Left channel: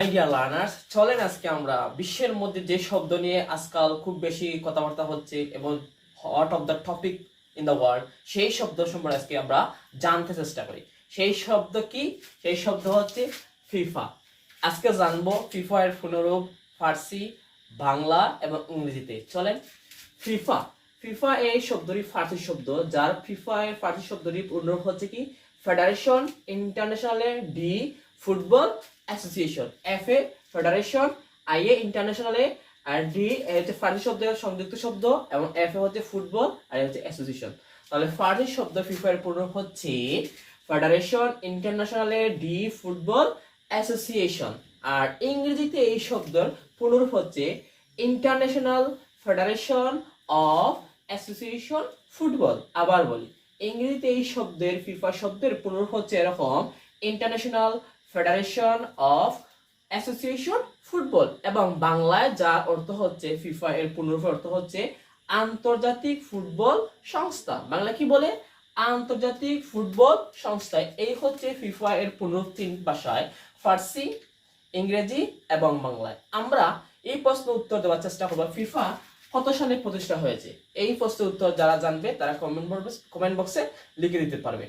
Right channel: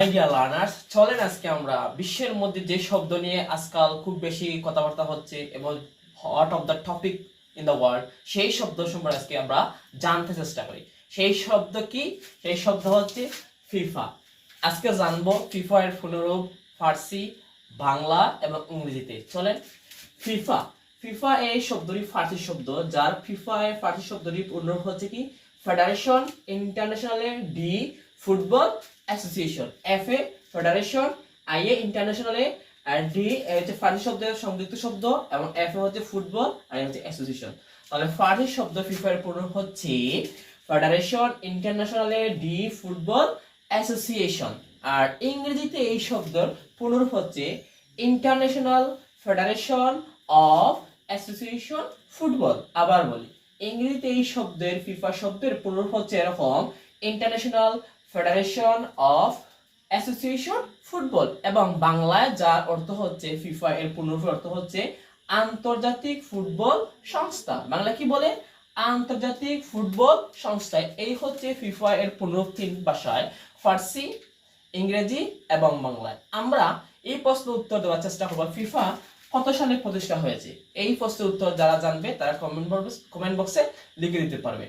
Dear learners, চলেন আজকে আমরা বিশ্বের মধ্যে যে শব্দ নিয়ে আজকাল খুব বেশি কথাবার্তা হচ্ছে এবং hot of the topic in the world, সেই শব্দ সম্পর্কে আজকে আমরা জানতে চেষ্টা করি। সেই শব্দ কি? সেই শব্দ হচ্ছে ফিফা। আজকে জানবো ফিফা এর পুনরূপ ফার্সি, বাংলা এবং ইংরেজিতে। চলেন। ফিফা ফিফা এই শব্দটি ফার্সি শব্দ, যার ফিফা এর ফার্সি শব্দটি পুনরূপ হচ্ছে কি ফেডারেশন ইন্টারন্যাশনালে ডি football association, F A federation, I A ইন্টারন্যাশনালে, আর ডি হচ্ছে ফার্সি শব্দের সংযুক্ত শব্দ এবং এফ এ হচ্ছে ফুটবল আর হচ্ছে অ্যাসোসিয়েশন। তাহলে ফার্সি শব্দ ফিফা এর পুনরূপ হচ্ছে ফেডারেশন ইন্টারন্যাশনালে ডি ফুটবল অ্যাসোসিয়েশন। আর ইংরেজিতে এই শব্দের পুনরূপ হচ্ছে international federation of association football. আবার বলি, ইংরেজিতে এই শব্দের ফিফা শব্দের পুনরূপ হচ্ছে এরকম international federation of association football, এবং বাংলায় যার অর্থ হচ্ছে ফিফা এর পুনরূপ অর্থ হচ্ছে আন্তর্জাতিক ফুটবল সংস্থা। বাংলা কি বলে? আন্তর্জাতিক ফুটবল সংস্থা। এই হচ্ছে ফিফা এর পুনরূপ তিন ভাষায়, ফার্সি, ইংরেজি এবং বাংলায়। আমরা এই প্রশ্নের উত্তর দেওয়ার চেষ্টা করব, ফিফা কত সালে প্রতিষ্ঠা হয়েছে। এই প্রশ্নের উত্তর যারা জানবে তারা কমেন্ট বক্সে লিখে দিতে পারবে।